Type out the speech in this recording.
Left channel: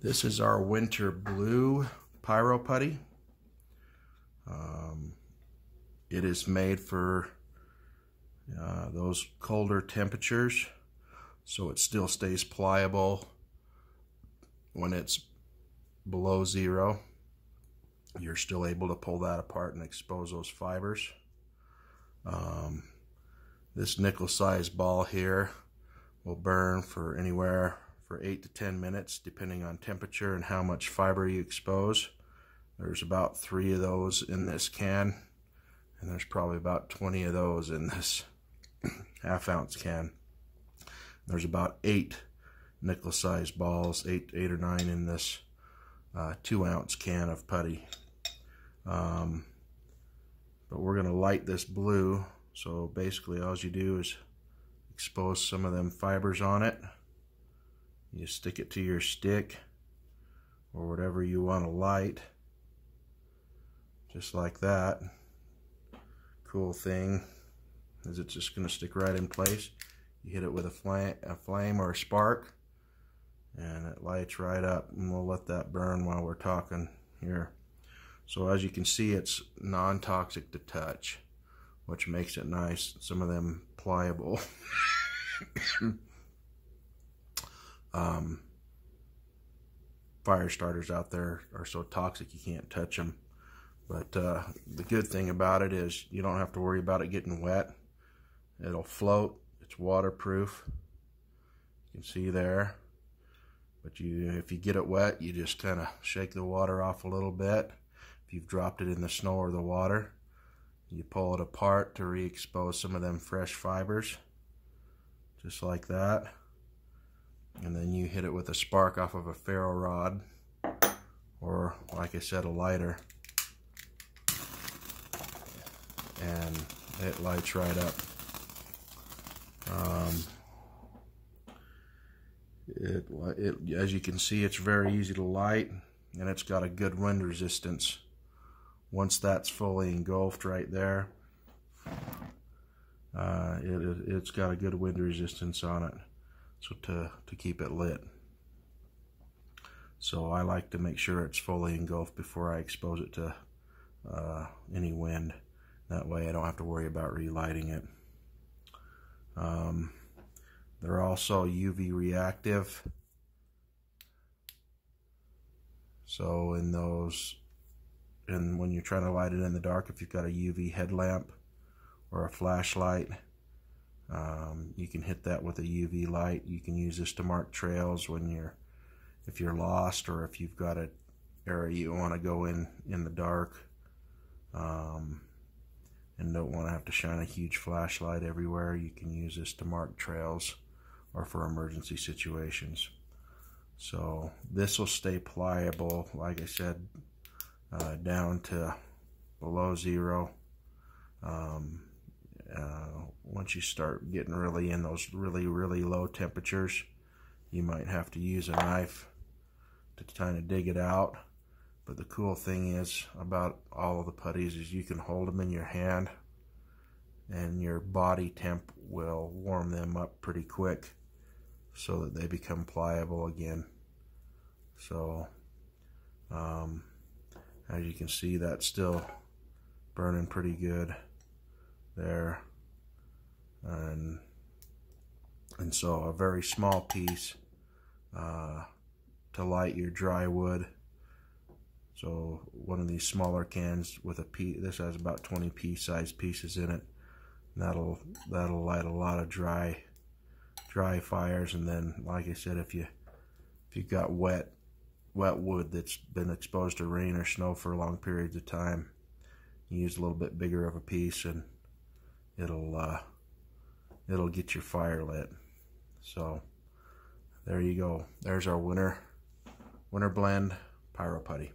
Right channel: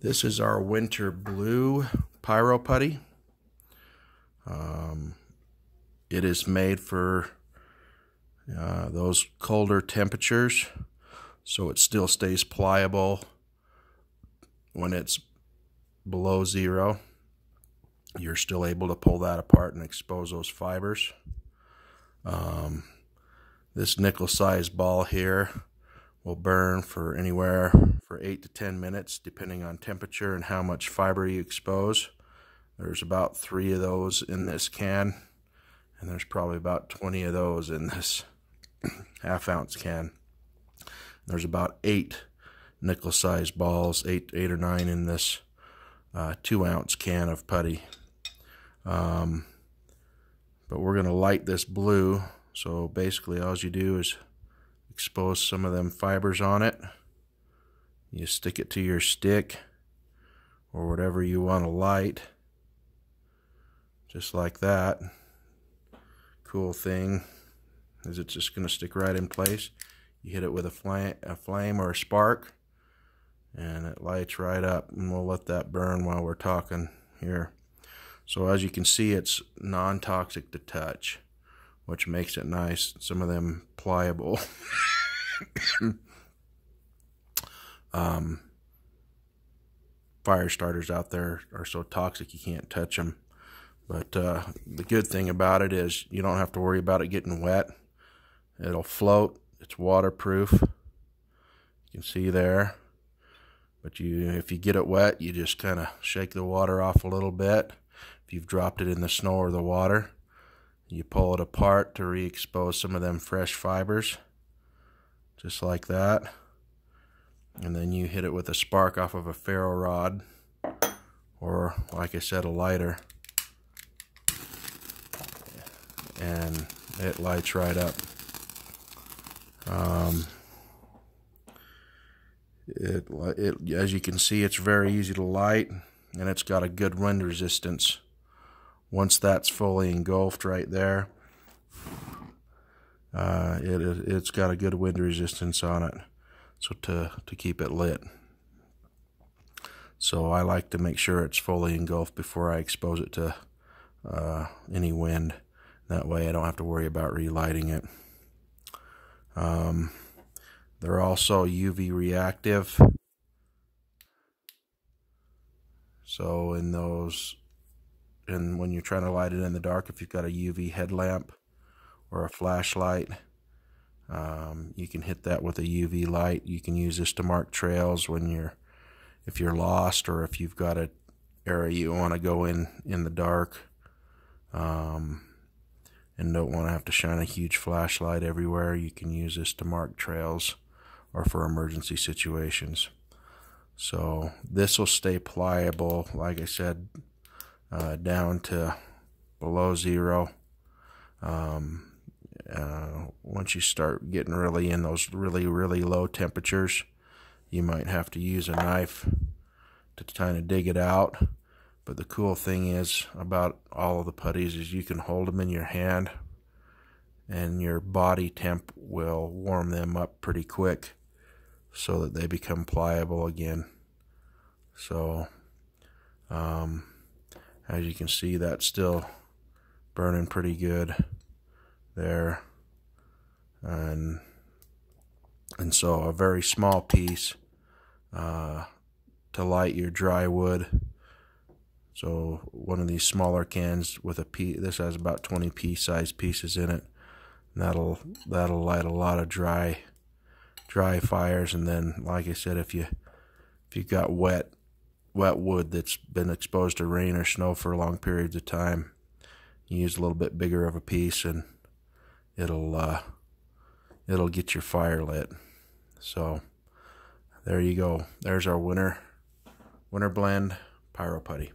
This is our winter blue Pyroputty. It is made for those colder temperatures, so it still stays pliable when it's below zero. You're still able to pull that apart and expose those fibers. This nickel-sized ball here will burn for anywhere for 8 to 10 minutes, depending on temperature and how much fiber you expose. There's about 3 of those in this can, and there's probably about 20 of those in this half-ounce can. There's about 8 nickel-sized balls, 8 or 9 in this 2-ounce can of putty. But we're going to light this blue, so basically all you do is expose some of them fibers on it. You stick it to your stick or whatever you want to light, just like that. Cool thing is it's just going to stick right in place. You hit it with a flame or a spark, and it lights right up, and we'll let that burn while we're talking here. So as you can see, it's non-toxic to touch, which makes it nice. Some of them pliable fire starters out there are so toxic you can't touch them. But the good thing about it is you don't have to worry about it getting wet. It'll float. It's waterproof. You can see there. But if you get it wet, you just kind of shake the water off a little bit. If you've dropped it in the snow or the water, you pull it apart to re-expose some of them fresh fibers, just like that. And then you hit it with a spark off of a ferro rod, or like I said, a lighter, and it lights right up. As you can see, it's very easy to light, and it's got a good wind resistance. Once that's fully engulfed right there, it's got a good wind resistance on it, so to keep it lit. So I like to make sure it's fully engulfed before I expose it to any wind. That way I don't have to worry about relighting it. They're also UV reactive, so when you're trying to light it in the dark, if you've got a UV headlamp or a flashlight, you can hit that with a UV light. You can use this to mark trails if you're lost, or if you've got an area you want to go in the dark, and don't want to have to shine a huge flashlight everywhere. You can use this to mark trails or for emergency situations. So this will stay pliable, like I said, down to below zero. Once you start getting really in those really low temperatures, you might have to use a knife to kind of dig it out. But the cool thing is about all of the putties is you can hold them in your hand, and your body temp will warm them up pretty quick so that they become pliable again. So as you can see, that's still burning pretty good there, and so a very small piece to light your dry wood. So one of these smaller cans with this has about 20 pea-sized pieces in it, and that'll light a lot of dry fires. And then, like I said, if you've got wet wood that's been exposed to rain or snow for long periods of time, you use a little bit bigger of a piece, and it'll get your fire lit. So there you go. There's our winter blend Pyroputty.